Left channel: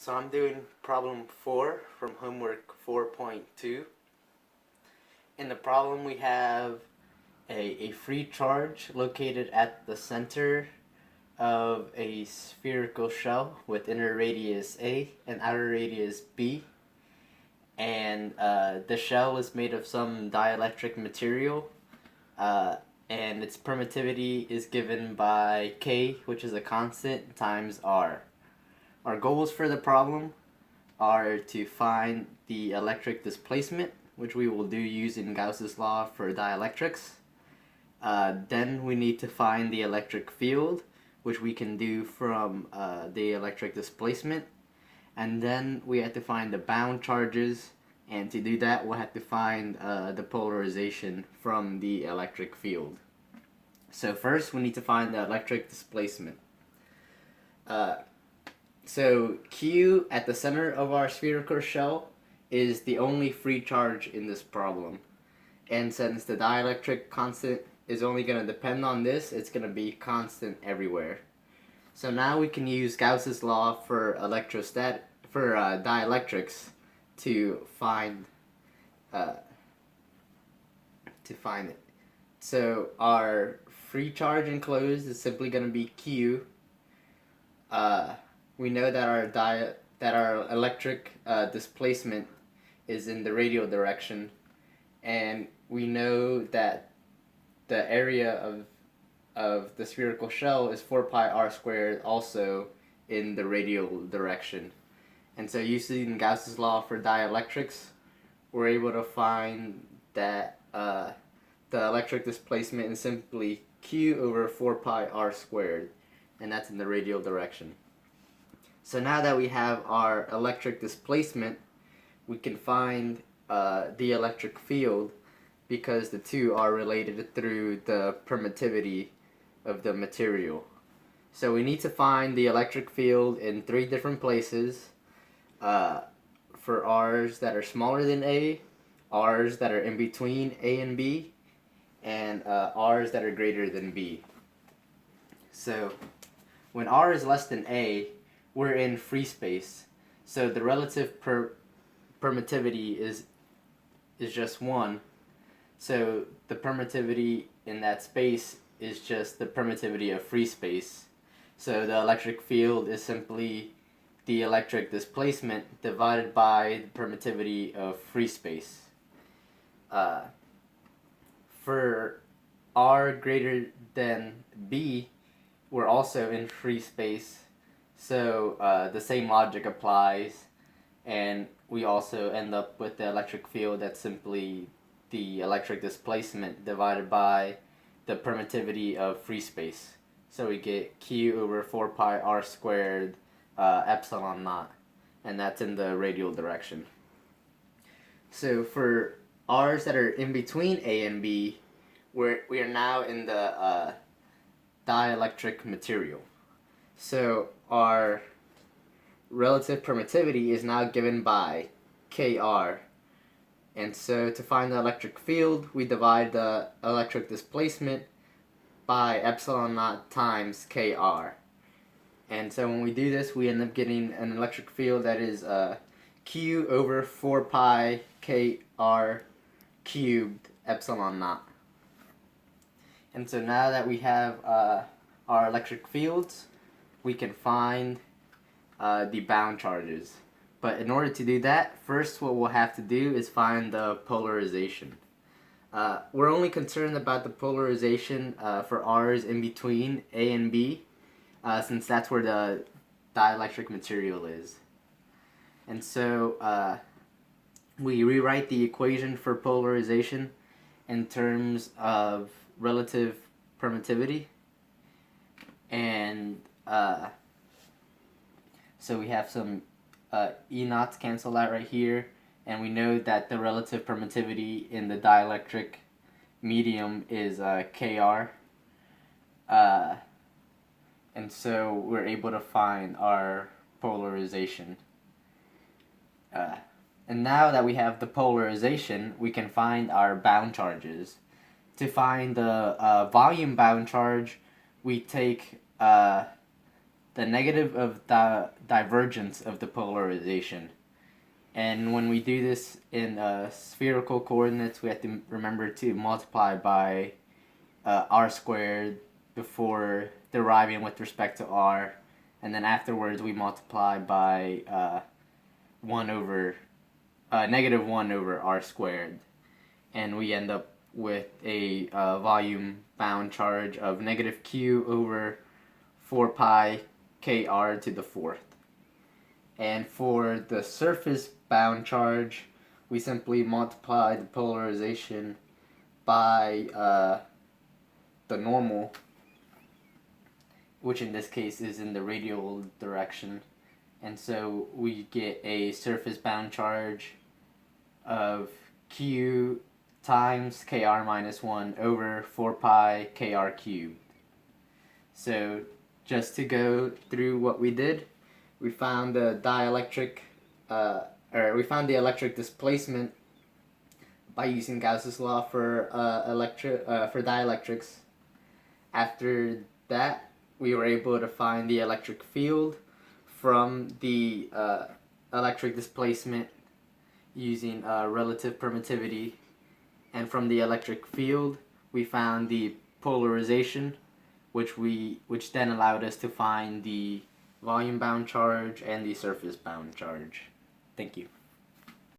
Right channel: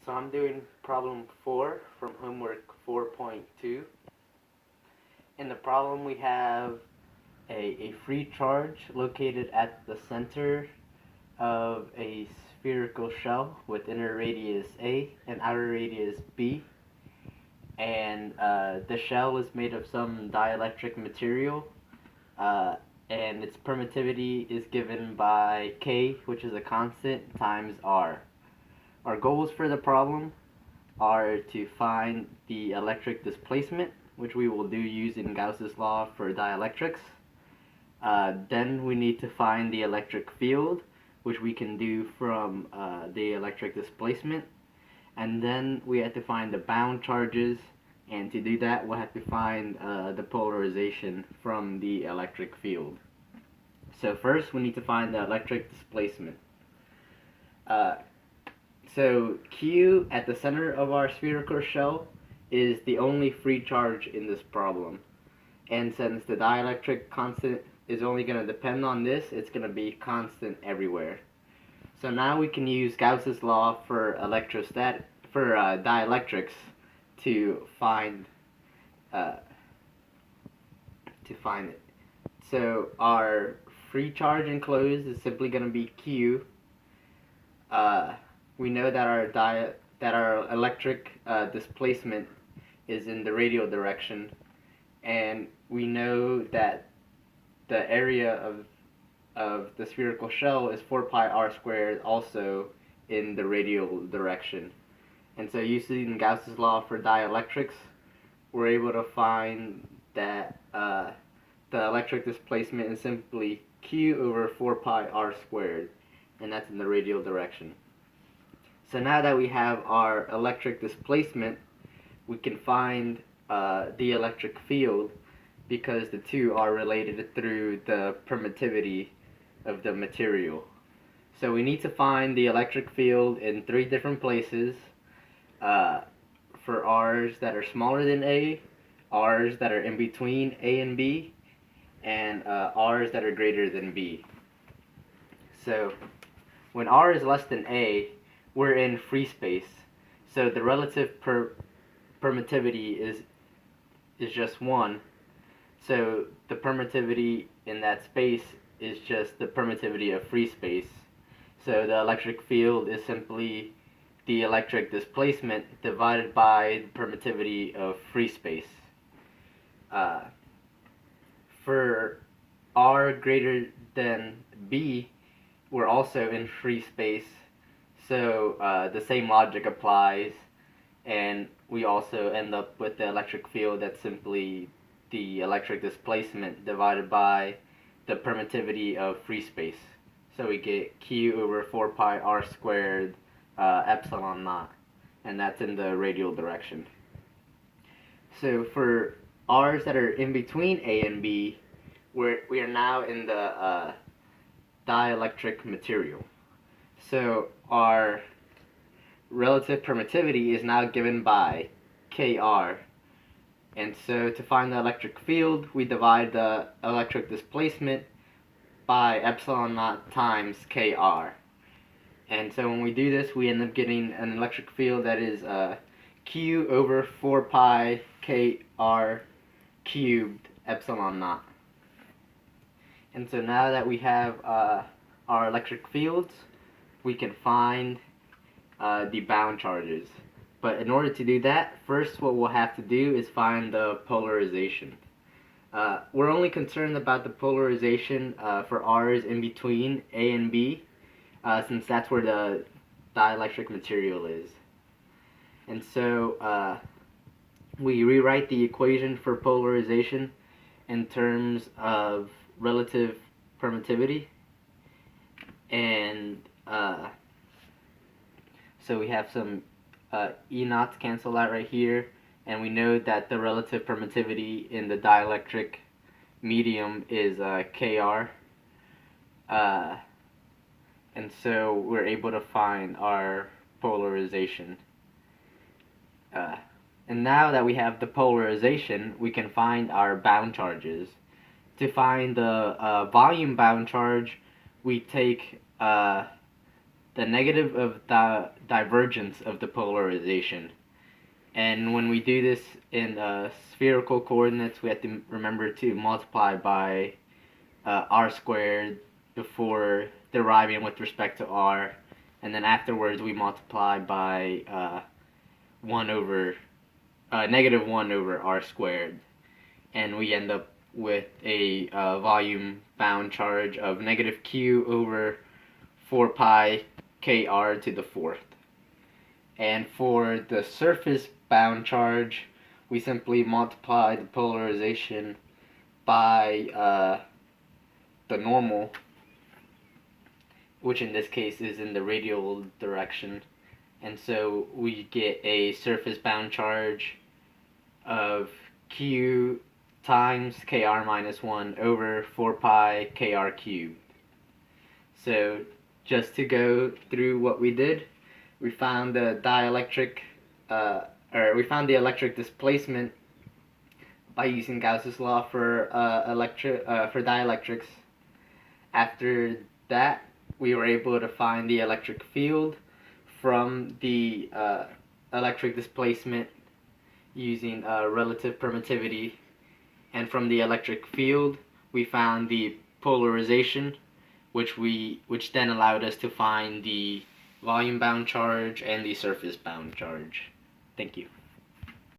So I'm doing problem 4 from homework 4.2. In the problem we have a free charge located at the center of a spherical shell with inner radius A and outer radius B. And the shell is made of some dielectric material, and its permittivity is given by K, which is a constant, times R. Our goals for the problem are to find the electric displacement, which we will do using Gauss's law for dielectrics. Then we need to find the electric field, which we can do from the electric displacement. And then we have to find the bound charges, and to do that we'll have to find the polarization from the electric field. So first we need to find the electric displacement. So Q at the center of our spherical shell is the only free charge in this problem. And since the dielectric constant is only going to depend on this, it's going to be constant everywhere. So now we can use Gauss's law for dielectrics to find it. So our free charge enclosed is simply going to be Q. We know that our electric displacement is in the radial direction, and we know that the area of the spherical shell is 4 pi r squared, also in the radial direction. And so using Gauss's law for dielectrics, we're able to find that the electric displacement is simply Q over 4 pi r squared, and that's in the radial direction. So now that we have our electric displacement, we can find the electric field, because the two are related through the permittivity of the material. So we need to find the electric field in 3 different places, for R's that are smaller than A, R's that are in between A and B, and R's that are greater than B. So when R is less than A, we're in free space. So the relative permittivity is just 1. So the permittivity in that space is just the permittivity of free space. So the electric field is simply the electric displacement divided by the permittivity of free space. For R greater than B, we're also in free space. So the same logic applies, and we also end up with the electric field that's simply the electric displacement divided by the permittivity of free space. So we get Q over 4 pi r squared epsilon naught, and that's in the radial direction. So for R's that are in between A and B, we are now in the dielectric material. So our relative permittivity is now given by Kr. And so to find the electric field, we divide the electric displacement by epsilon naught times Kr. And so when we do this, we end up getting an electric field that is Q over 4 pi Kr cubed epsilon naught. And so now that we have our electric fields, we can find the bound charges. But in order to do that, first what we'll have to do is find the polarization. We're only concerned about the polarization for R's in between A and B, since that's where the dielectric material is. And so we rewrite the equation for polarization in terms of relative permittivity. And so we have some E naughts cancel out right here, and we know that the relative permittivity in the dielectric medium is Kr. And so we're able to find our polarization. And now that we have the polarization, we can find our bound charges. To find the volume bound charge, we take the negative of the divergence of the polarization. And when we do this in spherical coordinates, we have to remember to multiply by r squared before deriving with respect to r, and then afterwards we multiply by 1 over negative 1 over r squared, and we end up with a volume bound charge of negative q over 4 pi kr to the fourth. And for the surface bound charge, we simply multiply the polarization by the normal, which in this case is in the radial direction. And so we get a surface bound charge of q times kr minus 1 over 4 pi kr cubed. So just to go through what we did, we found the electric displacement by using Gauss's law for dielectrics. After that, we were able to find the electric field from the electric displacement using relative permittivity, and from the electric field, we found the polarization, which then allowed us to find the volume bound charge and the surface bound charge. Thank you.